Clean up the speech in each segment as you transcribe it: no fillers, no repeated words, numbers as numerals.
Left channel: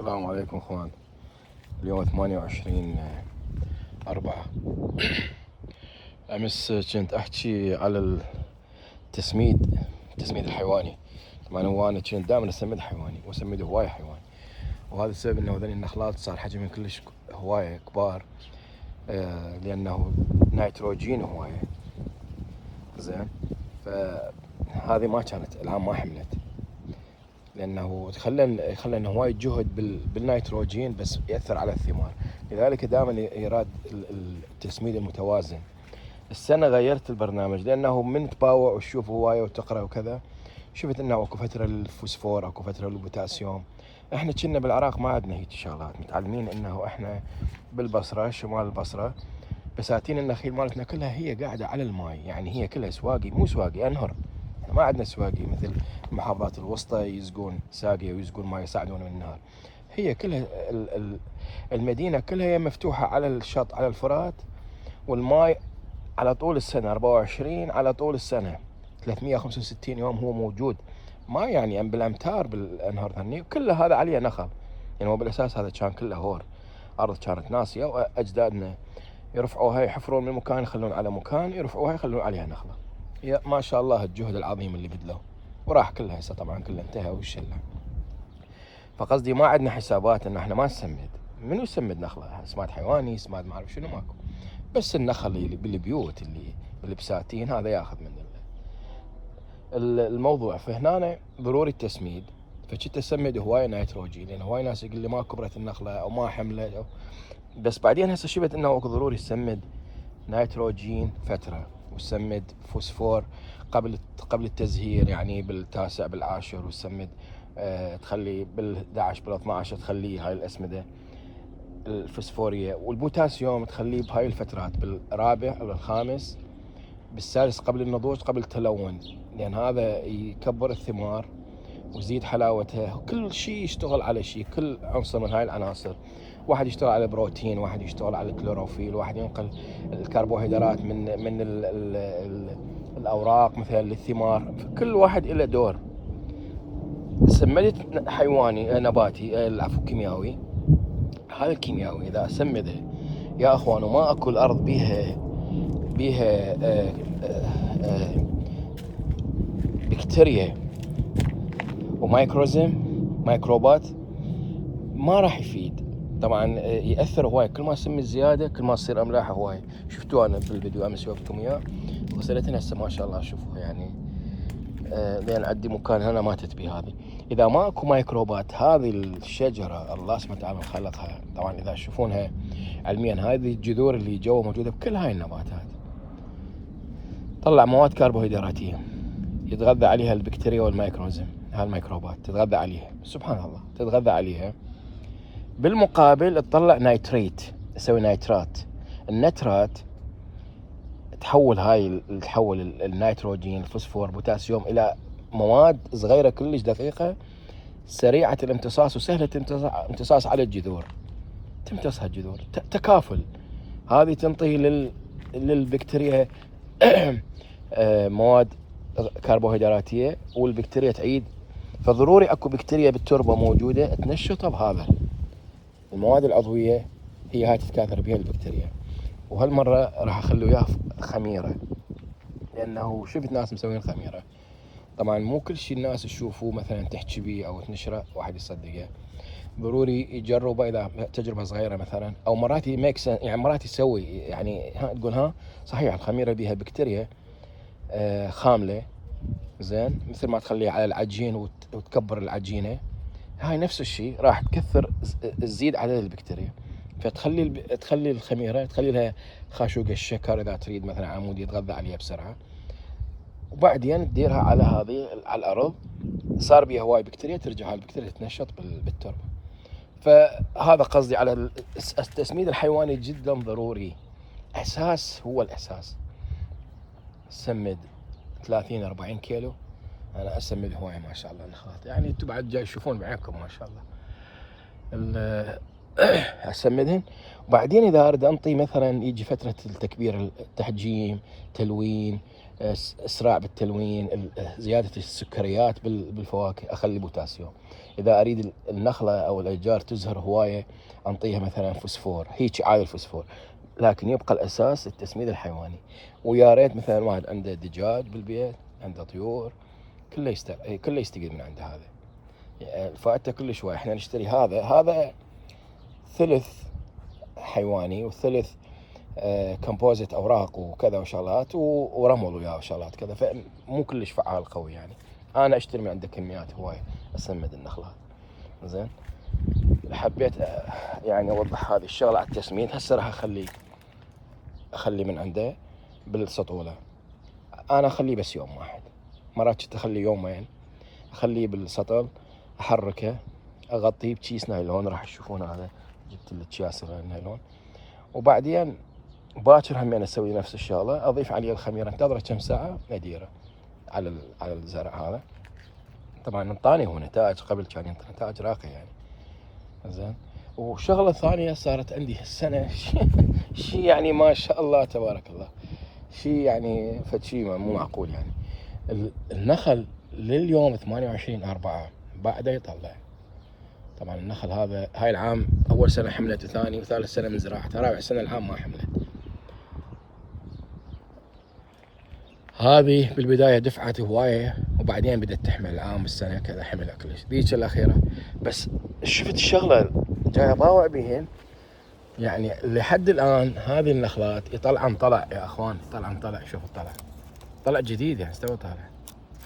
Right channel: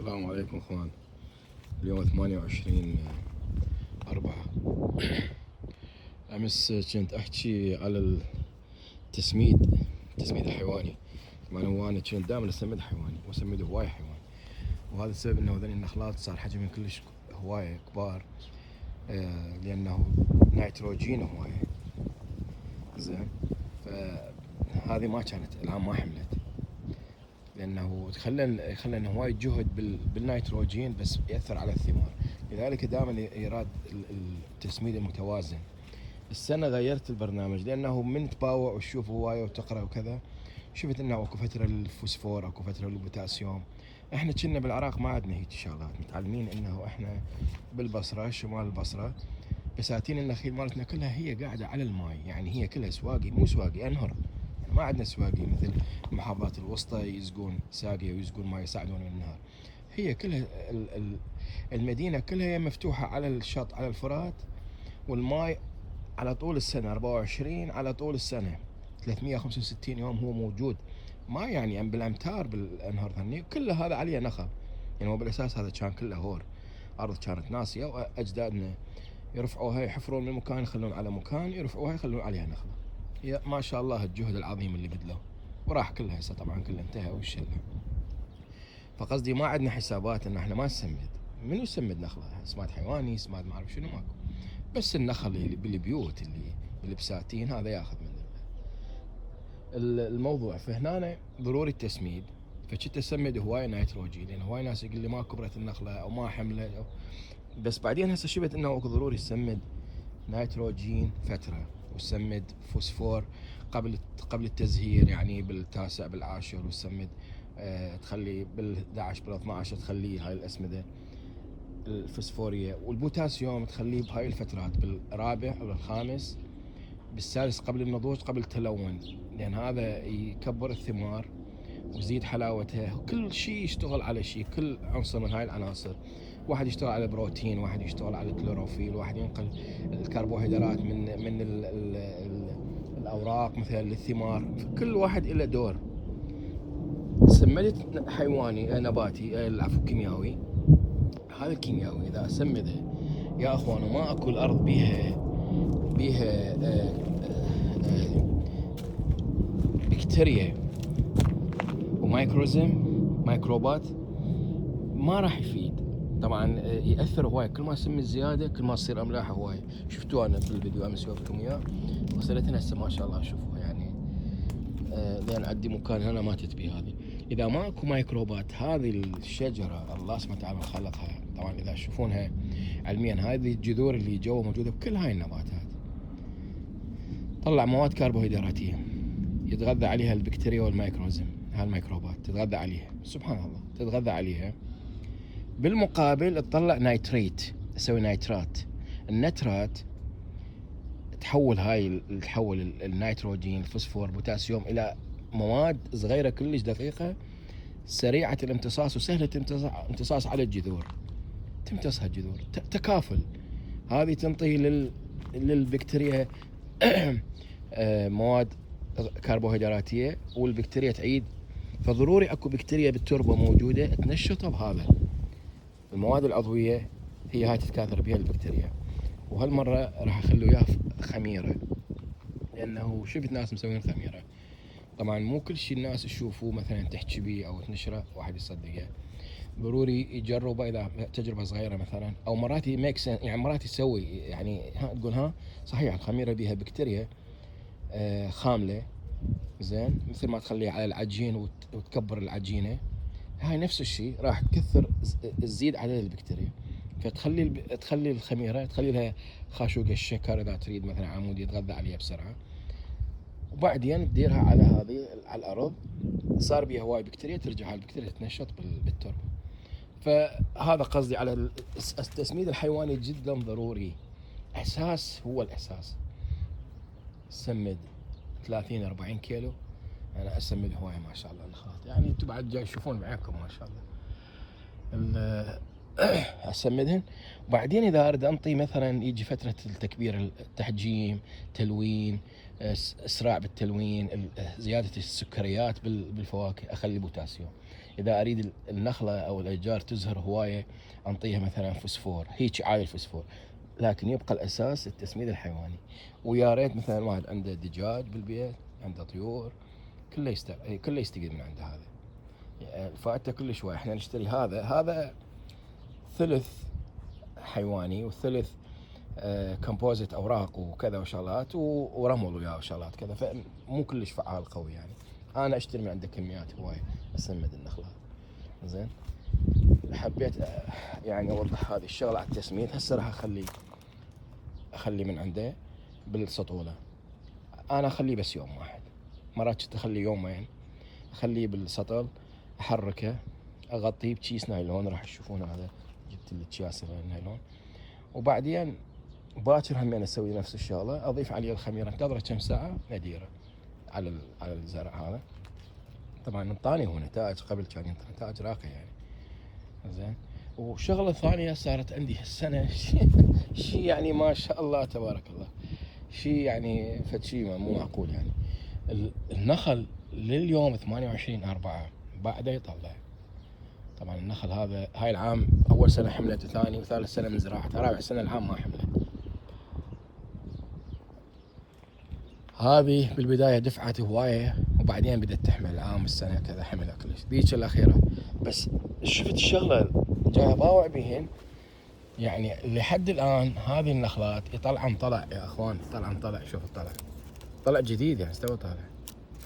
السلام عليكم اخوان. اليوم 28/4. امس كنت احكي على التسميد الحيواني. طبعا هو انا كنت دائما اسمد حيواني واسمد هواي حيواني، وهذا السبب انه هذول النخلات صار حجمهم كلش هواية كبار، لانه نيتروجين هواية زين. فهذه ما كانت العام ما حملت، لانه خلى هواي جهد بالنيتروجين بس ياثر على الثمار. لذلك دائما يراد التسميد المتوازن. السنه غيرت البرنامج لانه من تباوع وتشوف هوايه وتقرا وكذا، شفت انه اكو فتره للفوسفور، اكو فتره للبوتاسيوم. احنا كنا بالعراق ما عندنا هيك شغلات، متعلمين انه احنا بالبصره شمال البصره بساتين النخيل مالتنا كلها هي قاعده على الماي، يعني هي كلها سواقي، مو سواقي انهر. احنا ما عندنا سواقي مثل المحافظات الوسطى يسقون ساقيه ويسقون ماي يصعدون من النهر. هي كلها المدينه كلها هي مفتوحه على الشط، على الفرات، والماي على طول السنه 24 على طول السنه 365 يوم هو موجود. ما يعني بالامتار بالانهار ثاني كل هذا عليه نخل. يعني هو بالاساس هذا كان كله هور، ارض كانت ناسيه واجدادنا يرفعوها، يحفرون من مكان يخلون على مكان، يرفعوها يخلون عليها نخله. يا ما شاء الله الجهد العظيم اللي بذلوه، وراح كلها هسه طبعا كله انتهى والشله. فقصدي ما عندنا حسابات ان احنا ما نسمد. منو يسمد نخله؟ سماد حيواني، سماد ما اعرف شنو، ماكو. بس النخل اللي بالبيوت اللي بالبساتين هذا ياخذ من الموضوع. فهنا ضروري التسميد. فكنت اسمد هوايه نيتروجين، لان هواي ناس يقول لي ما كبرت النخله او ما حملت بس بعدين هسه شفت انه اكو ضروري تسمد نيتروجين فتره، وتسمد فوسفور قبل التزهير، يعني بالتاسع بالعاشر، وتسمد تخلي بال11 بال12 تخليه هاي الاسمده الفوسفوريه، والبوتاسيوم تخليه بهاي الفترات بالرابع او الخامس، بالسادس قبل النضوج قبل التلون، لان هذا يكبر الثمار ويزيد حلاوتها. كل شيء يشتغل على شيء، كل عنصر من هاي العناصر. واحد يشتغل على البروتين، واحد يشتغل على الكلوروفيل، واحد ينقل الكربوهيدرات من ال الاوراق مثلا للثمار. كل واحد له دور. سمدت حيواني نباتي، العفو كيميائي. هذا الكيميائي اذا اسمده يا اخوان وما اكو الارض بيها بكتيريا ومايكروزم، ميكروبات، ما راح يفيد. طبعا ياثر هواي، كل ما سم الزياده كل ما تصير املاح هواي. شفتوا انا بالفيديو امس جاوبتكم اياه، وصلتنا هسه ما شاء الله شوفوا يعني. لين عندي مكان هنا ماتت بي هذه. اذا ما اكو ميكروبات هذه الشجره الله سبحانه وتعالى خلقها، طبعا اذا تشوفونها علميا هذه الجذور اللي جوا موجوده بكل هاي النباتات طلع مواد كربوهيدراتيه يتغذى عليها البكتيريا والميكروزم. هاي الميكروبات تتغذى عليها، سبحان الله تتغذى عليها. بالمقابل تطلع نيتريت، تسوي نيترات. النترات تحول النيتروجين، الفوسفور، بوتاسيوم الى مواد صغيره كلش دقيقه، سريعه الامتصاص وسهله امتصاص على الجذور. تمتصها الجذور تكافل. هذه تنطي للبكتيريا مواد كربوهيدراتيه، والبكتيريا تعيد. فضروري اكو بكتيريا بالتربه موجوده تنشطها بهذا المواد العضويه، هي هاي تتكاثر بها البكتيريا. وهالمره راح اخلي وياه خميره، لانه شفت ناس مسوين خميره. طبعا مو كل شيء الناس تشوفوه مثلا تحكي بيه او تنشره واحد يصدقه. ضروري يجربه اذا تجربه صغيره مثلا، او مرات يعني مرات يسوي يعني تقول ها صحيح الخميره بها بكتيريا خامله زين، مثل ما تخليها على العجين وتكبر العجينه، هاي نفس الشيء راح تكثر تزيد عدد البكتيريا. تخلي الخميره تخلي لها خاشوق الشكر اذا تريد مثلا عمود يتغذى عليها بسرعه، وبعدين تديرها على هذه على الارض، صار بيها هواي بكتيريا، ترجع هاي البكتيريا تتنشط بالتربه. فهذا قصدي على التسميد الحيواني جدا ضروري، اساس، هو الاساس. سمد 30 40 كيلو، انا اسمد هواي ما شاء الله النخلات، يعني انتم بعد جاي تشوفون بعينكم ما شاء الله اسمدهن. وبعدين اذا اريد انطي مثلا يجي فتره التكبير، التحجيم، تلوين، اسراع بالتلوين، زياده السكريات بالفواكه، اخلي بوتاسيوم. اذا اريد النخله او الاشجار تزهر هوايه انطيها مثلا فوسفور، هيك عادي الفوسفور، لكن يبقى الاساس التسميد الحيواني. ويا ريت مثلا واحد عنده دجاج بالبيت، عنده طيور، كله يستقيل من عند هذا. فائدته كل شوي. احنا نشتري هذا ثلث حيواني وثلث كمبوزيت اوراق وكذا وشغلات ورمل وياه وشغلات كذا، فمو كلش فعال قوي يعني. انا اشتري من عنده كميات هوايه اسمد النخلات. زين، حبيت يعني اوضح هذه الشغله على التسميد. هسه راح اخلي من عنده بالسطوله. انا اخليه بس يوم واحد، مرات كنت اخليه يومين، اخليه بالسطل، احركه، اغطيه بكيس نايلون. راح تشوفون هذا، جبت الاكياس النايلون. وبعدين باكر همين اسوي نفس الشغله، اضيف عليه الخميره، انتظره كم ساعه اديره على الزرع هذا. طبعا انطاني هو نتائج، قبل كان نتائج راقيه يعني. زين. وشغله ثانيه صارت عندي هالسنه شيء يعني ما شاء الله تبارك الله، شيء يعني فد شيء مو معقول يعني. النخل لليوم 28/4 بعده يطلع. طبعا النخل هذا هاي العام اول سنه حملت، وثاني وثالث سنه من زراعته، رابع سنه العام ما حملت. هذه بالبدايه دفعت هوايه، وبعدين بدات تحمل العام بالسنه كذا حمل كلش. ذيك الاخيره بس شفت الشغله جاي اباوع بهن يعني لحد الان. هذه النخلات طلع يا اخوان، طلع شوفوا طلع جديد يعني، استوى طالع.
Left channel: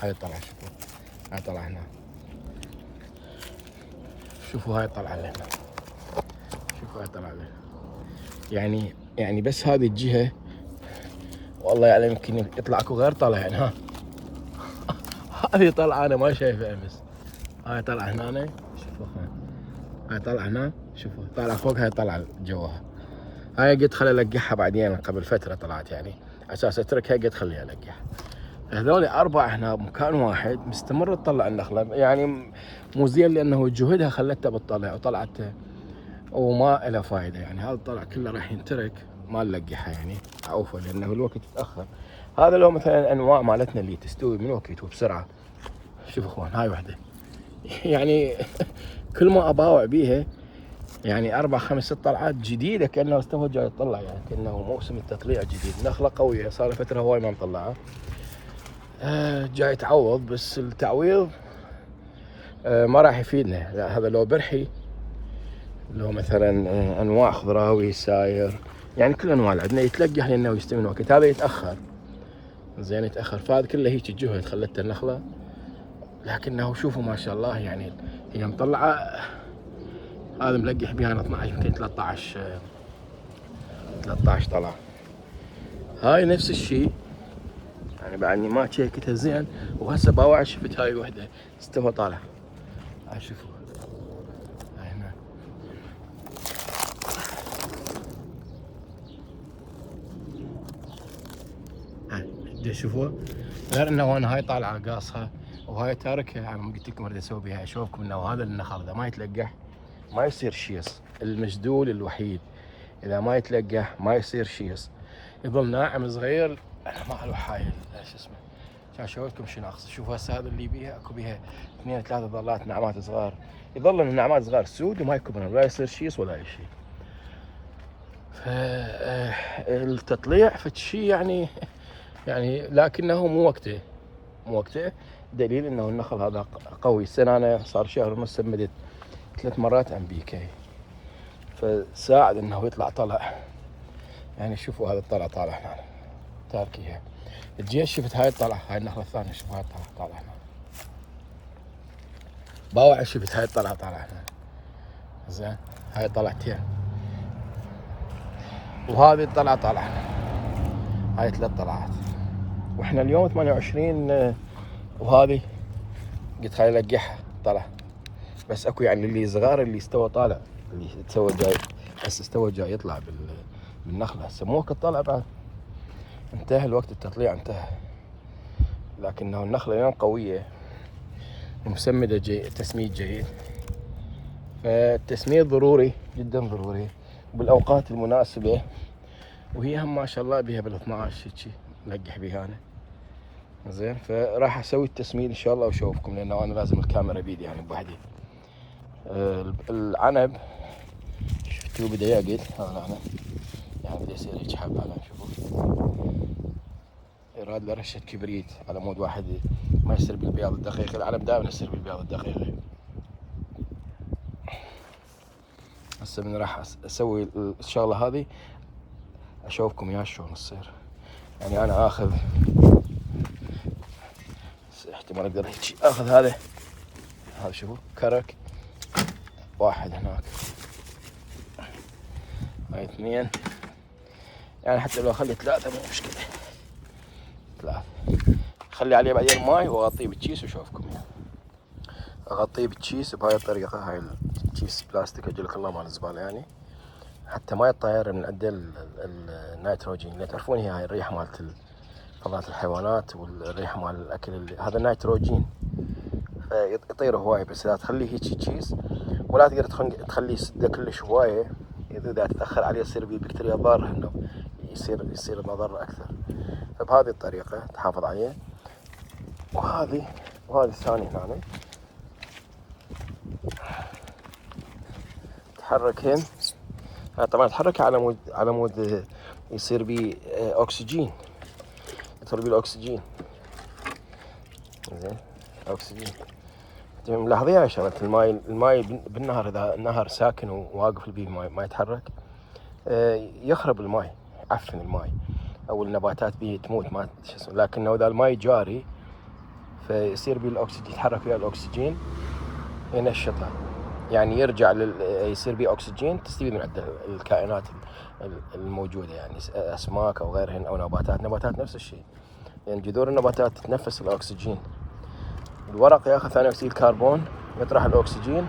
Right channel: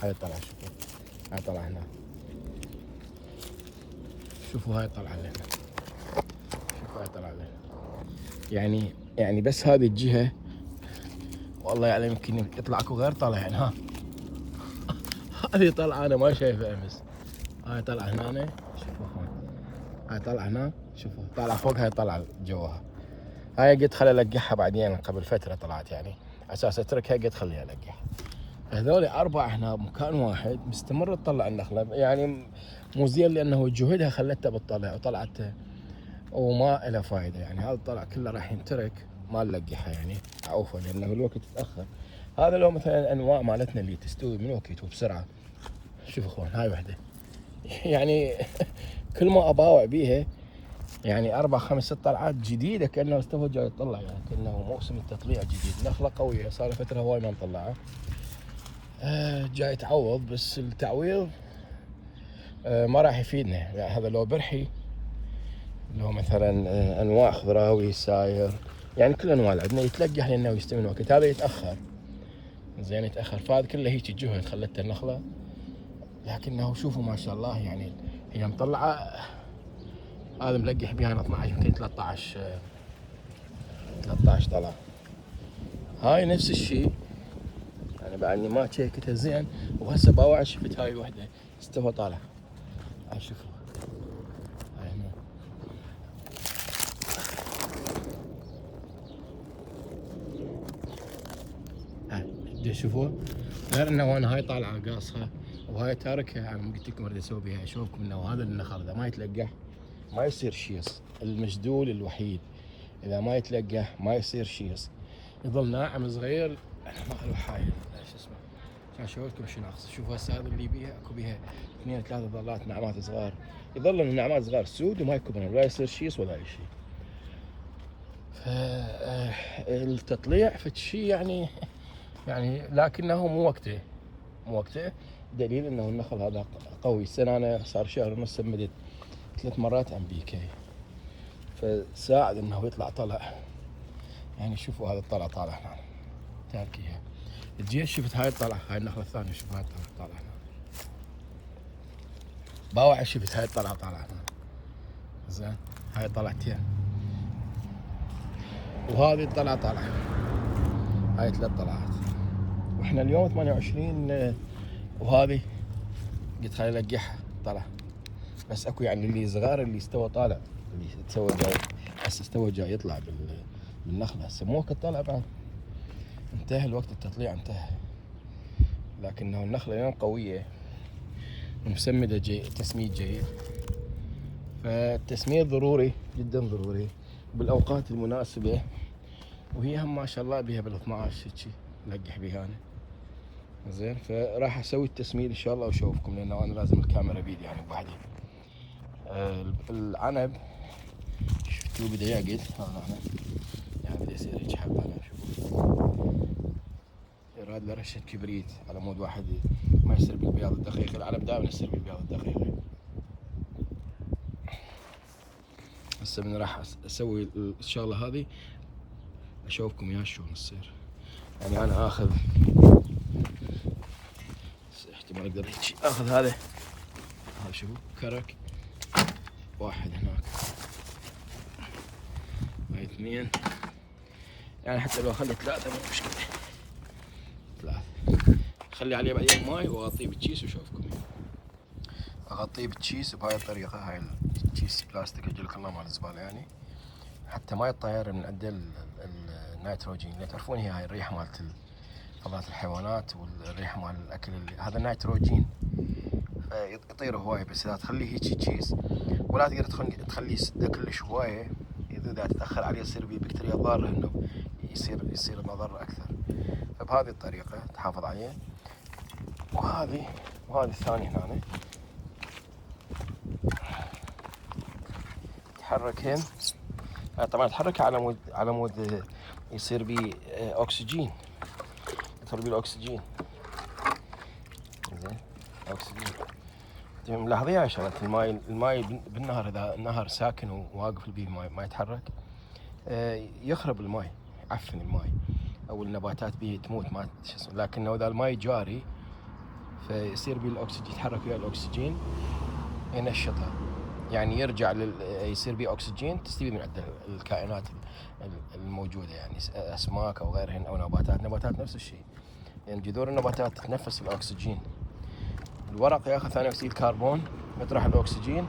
هاي طلع، شوفوا هاي طلع هنا، شوفوا هاي طلع هنا، شوفوا هاي طلع هنا. يعني بس هذه الجهه والله يعلم يمكن يطلع اكو غير طلع يعني. ها هذه طلعه انا ما شايفها امس. هاي طلع هنا، شوفوا هاي طلع هنا، شوفوا طالع فوق، هاي طلع جواها. هاي قلت خلي القحها بعدين، قبل فتره طلعت يعني، اساس اتركها قلت خليها القح. هذول 4 هنا بمكان واحد مستمر تطلع النخله يعني. مو زين لانه جهدها خلتها بتطلع وطلعت وما لها فائده يعني. هذا طلع كله راح ينترك، ما نلقحها يعني، عوفه لانه الوقت تاخر. هذا لو مثلا انواع مالتنا اللي تستوي من وقت وبسرعه. شوفوا اخوان هاي وحده يعني كل ما اباوع بيها يعني 4 5 6 طلعات جديده، كانه استوى جاي يطلع يعني، كانه موسم التطليع جديد. نخله قويه صار فتره هواي ما نطلعها. جاي تعوض، بس التعويض ما راح يفيدنا. لا، هذا لو برحي، لو مثلا انواع خضراوي ساير يعني، كل انواع عندنا يتلقح لانه يستوي من وقت. هذا يتاخر، زين يتاخر. فهذا كله هيك جهد خلته النخله، لكنه شوفوا ما شاء الله يعني هي مطلعه. هذا ملقح بها انا 12 يمكن 13 طلع. هاي نفس الشيء يعني، بعد ما تشيكتها زين. وهسه باوع شفت هاي الوحده استوى طالع. هاي شوفوا هنا، شوفوا غير انه انا هاي طالعه قاصها وهاي تاركها. يعني قلت لكم اريد اسوي بها اشوفكم انه هذا النخل اذا ما يتلقح ما يصير شيص. المجدول الوحيد اذا ما يتلقح ما يصير شيص، يظل ناعم صغير. ما له حايل شو اسمه، عشان اشوفكم شنو اقصد. شوفوا هسه هذا اللي بيها اكو بيها 2 3 ظلات نعمات صغار، يظل النعمات صغار سود وما يكبرن، لا يصير شيص ولا اي شيء. فالتطليع فد شيء يعني لكنه مو وقته. دليل انه النخل هذا قوي. السنه انا صار شهر ونص سمدت 3 مرات ام بي كي، فساعد انه يطلع طلع يعني. شوفوا هذا الطلع طالع هنا تاركيها. الجيش شفت هاي الطلع، هاي النخله الثانيه شوف هاي الطلع طالع هنا. باوع شفت هاي الطلع طالع هنا. زين، هاي طلعتين، وهذه الطلعه طالع هنا. هاي 3 طلعات، واحنا اليوم 28. وهذه قلت خلي القحها طلع. بس اكو يعني اللي صغار اللي استوى طالع، اللي تسوى جاي هسه استوى جاي يطلع بالنخله. هسه مو وقت الطلع بعد، انتهى الوقت التطليع انتهى. لكنه النخله اليوم قويه ومسمده تسميد جيد. فالتسميد ضروري جدا ضروري بالاوقات المناسبه. وهي هم ما شاء الله بها بال12 هيجي نلقح بها انا. زين، فراح اسوي التسميد ان شاء الله واشوفكم، لانه انا لازم الكاميرا بيدي يعني بوحدي. العنب شفتوه بدا يعقد، هذا العنب يعني بدا يصير هيك حبة. شوفوا يراد له رشة كبريت على مود واحد ما يصير بالبياض الدقيق. العنب دائما يصير بالبياض الدقيق. هسه من راح اسوي الشغلة هذه اشوفكم اياها شلون تصير. يعني انا اخذ احتمال اقدر هيك اخذ هذا شوفوا كرك واحد هناك، هاي اثنين، يعني حتى لو خلي ثلاثة مو مشكلة. ثلاثة خلي عليه بعدين ماي واغطيه بالكيس واشوفكم اياه. اغطيه بالكيس بهاي الطريقة، هاي الكيس بلاستيك اجلك الله مال الزبالة يعني، حتى ما يطير من عنده النيتروجين اللي تعرفون هي هاي الريحة مالت فضلات الحيوانات والريحة مال الاكل هذا النيتروجين فيطير هواي. بس اذا تخليه هيك كيس ولا تقدر تخليه يسده كلش هواية، اذا تتاخر عليه يصير بيه بكتيريا ضاره انه يصير مضر اكثر. فبهذه الطريقة تحافظ عليه. وهذه الثانية هنا تحركين، طبعا تحركها على مود يصير بيه اكسجين، يدخل بيه الاكسجين. زين اكسجين ملاحظين يا شباب الماي بالنهر اذا النهر ساكن وواقف بيه ما يتحرك يخرب الماي، يعفن الماي او النباتات بيه تموت ما شو اسمه. لكن اذا الماي جاري فيصير بيه الاكسجين، يتحرك ويا الاكسجين ينشطه، يعني يرجع يصير بيه اكسجين تستفيد من عند الكائنات الموجوده، يعني اسماك او غيرهن او نباتات نفس الشيء. يعني جذور النباتات تتنفس الاكسجين، الورق ياخذ ثاني اكسيد الكربون يطرح الاكسجين،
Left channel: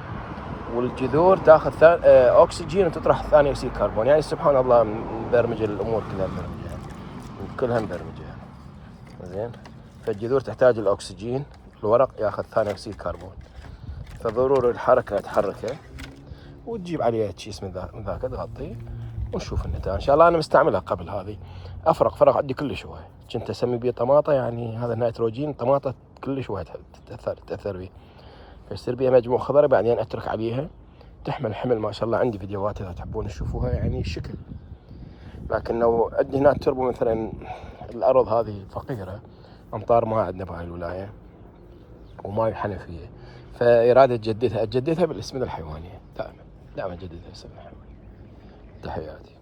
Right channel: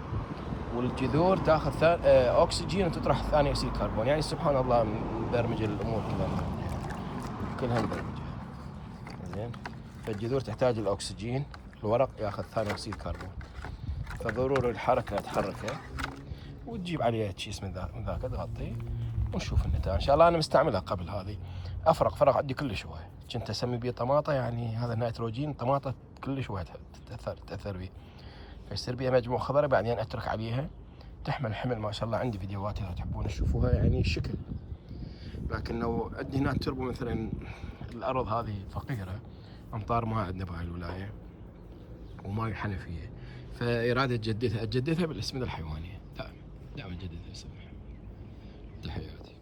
والجذور تاخذ اكسجين وتطرح ثاني اكسيد الكربون. يعني سبحان الله مبرمجه الامور كلها مبرمجه. زين فالجذور تحتاج الاكسجين، الورق ياخذ ثاني اكسيد الكربون، فضروري الحركه تحركه وتجيب عليه كيس من ذاك تغطيه ونشوف النتائج ان شاء الله. انا مستعملها قبل هذه، فرق عندي كلش هواي. كنت اسمي بيه طماطه، يعني هذا النيتروجين طماطه كلش هواي تاثر بيه، فيصير بيها مجموع خضري بعدين اترك عليها تحمل حمل ما شاء الله. عندي فيديوهات اذا تحبون تشوفوها يعني شكل. لكن لو عندي هناك تربو مثلا الارض هذه فقيره، امطار ما عندنا بهاي الولايه وماي حنفيه، فإرادة أجددها بالاسمدة الحيوانية دائما أجددها. تحياتي.